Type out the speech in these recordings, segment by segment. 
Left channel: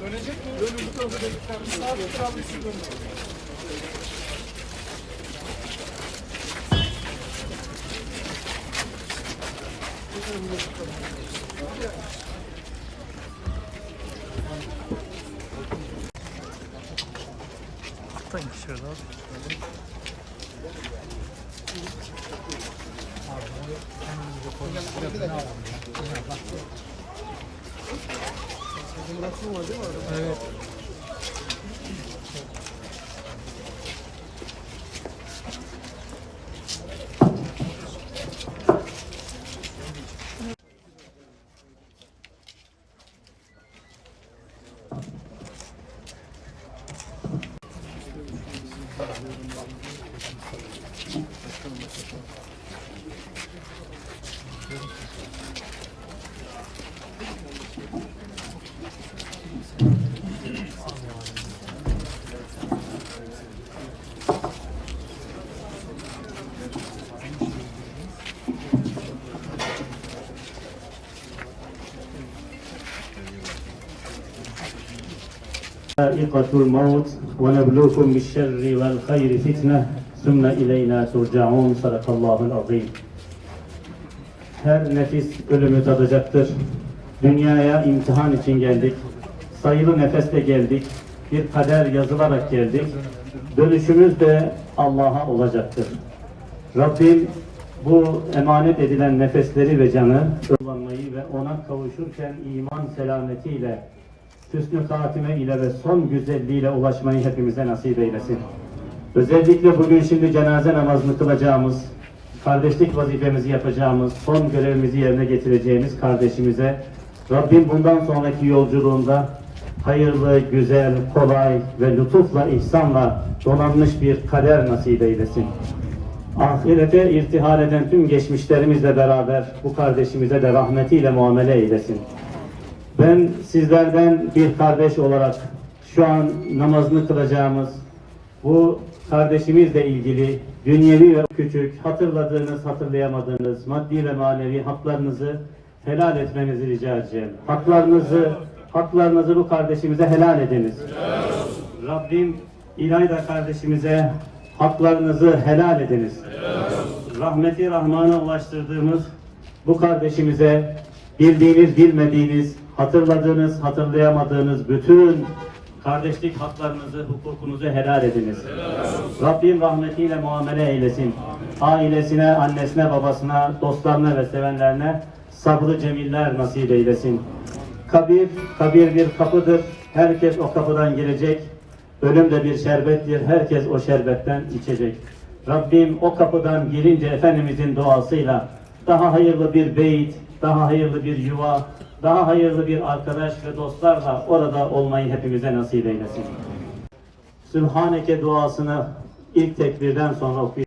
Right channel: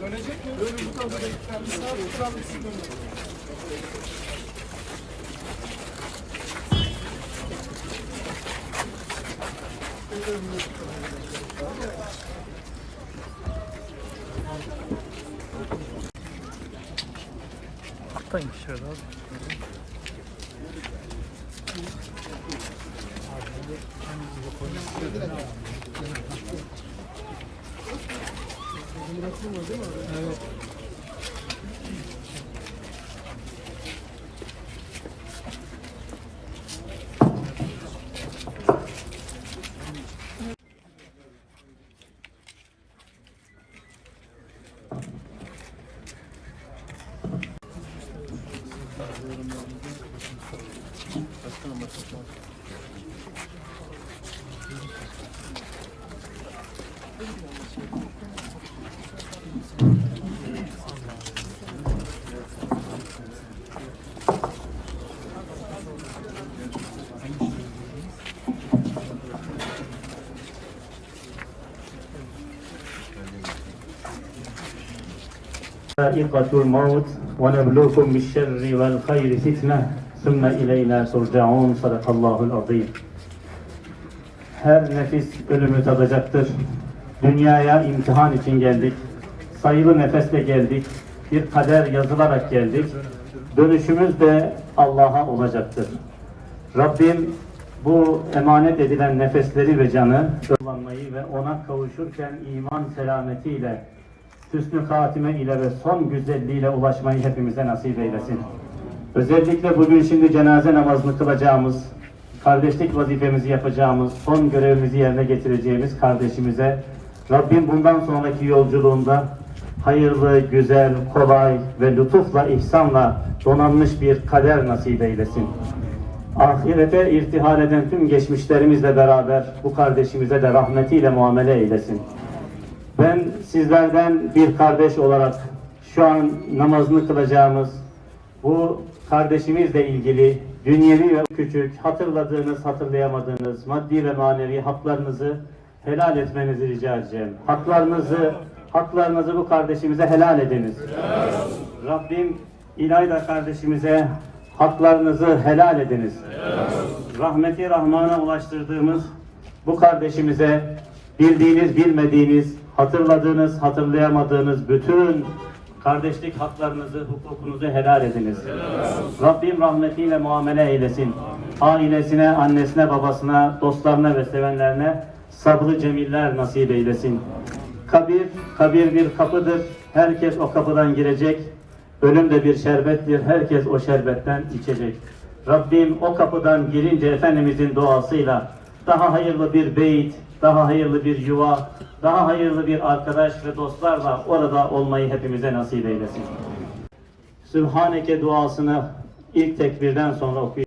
Dönecek mi? Dönün bu tarafa da gitsen. Sağ tutalım şu dönün. Alttan şöyle abi. Evet. Thank you. ذائقة الموت ونبلوكم بالشر والخير فتنة ثم إلينا ترجعون صدق الله العظيم Her nefis ölümü tadacaktır. Dünyaya imtihan için geldik. Sayılı nefesle geldik. Bir kader yazılarak geldik. Dönüşümüz de Allah'a olacaktır. Rabbim bu emanet edilen nefesleri ve canı kullanmayı ve ona kavuşurken iman selametiyle hüsnü hatime ile ve son güzelliğiyle ulaşmayı hepimize nasip eylesin. Özellikle bugün şimdi cenaze namazını kılacağımız, kardeşlik vazifemizi yapacağımız, son görevimizi yerine getireceğimiz kardeşimize Rabbim bundan sonraki yolculuğunda hayırlı, güzel, kolay ve lütufla, ihsanla donanmış bir kader nasip eylesin. Ahirete irtihal eden tüm geçmişlerimizle beraber bu kardeşimize de rahmetiyle muamele eylesin. Ben sizlerden bir kardeş olarak şu an namazını kılacağımız bu kardeşimizle ilgili dünyevi küçük hatırladığınız, hatırlayamadığınız maddi ve manevi haklarınızı helal etmenizi rica edeceğim. Haklarınızı, haklarınızı bu kardeşimize helal ediniz. Rabbim İlayda kardeşimize haklarınızı helal ediniz. Rahmeti Rahman'a ulaştırdığımız bu kardeşimize bildiğiniz, bilmediğiniz, hatırladığınız, hatırlayamadığınız bütün kardeşlik haklarınızı, hukukunuzu helal ediniz. Rabbim rahmetiyle muamele eylesin. Ailesine, annesine, babasına, dostlarına ve sevenlerine sabrı cemiller nasip eylesin. Kabir, kabir bir kapıdır. Herkes o kapıdan girecek. Ölüm de bir şerbettir. Herkes o şerbetten içecek. Rabbim o kapıdan girince Efendimizin duasıyla daha hayırlı bir beyt, daha hayırlı bir yuva, daha hayırlı bir arkadaş ve dostlarla orada olmayı hepimize nasip eylesin. Sübhaneke duasını ilk tekbirden sonra okuyun.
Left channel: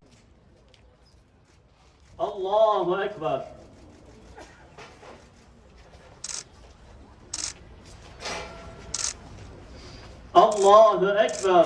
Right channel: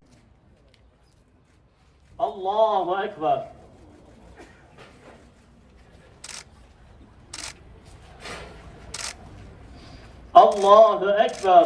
Allahu Ekber. Allahu Ekber.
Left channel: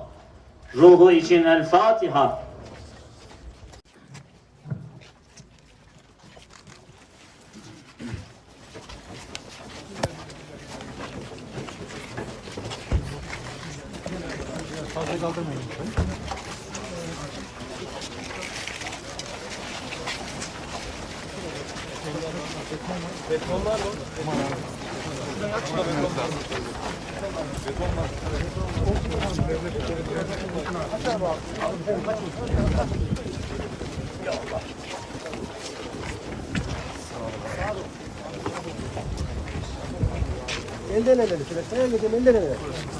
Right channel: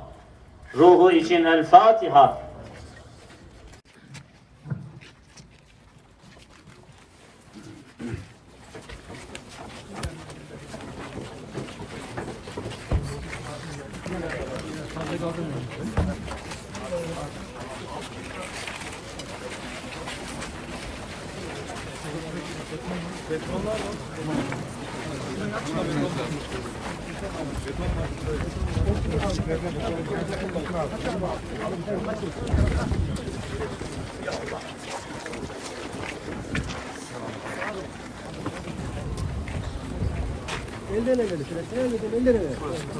ruhu için El Fatiha. Betonlar mı? Elden ele götürüyorsun. Elden ele götürüyorsun.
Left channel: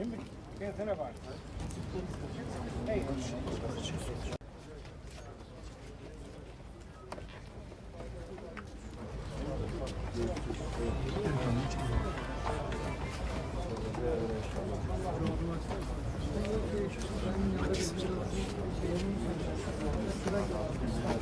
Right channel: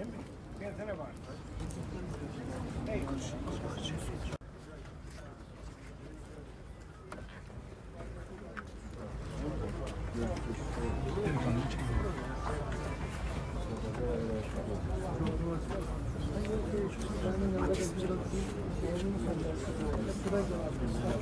Elden elden ele. Sıra geldi.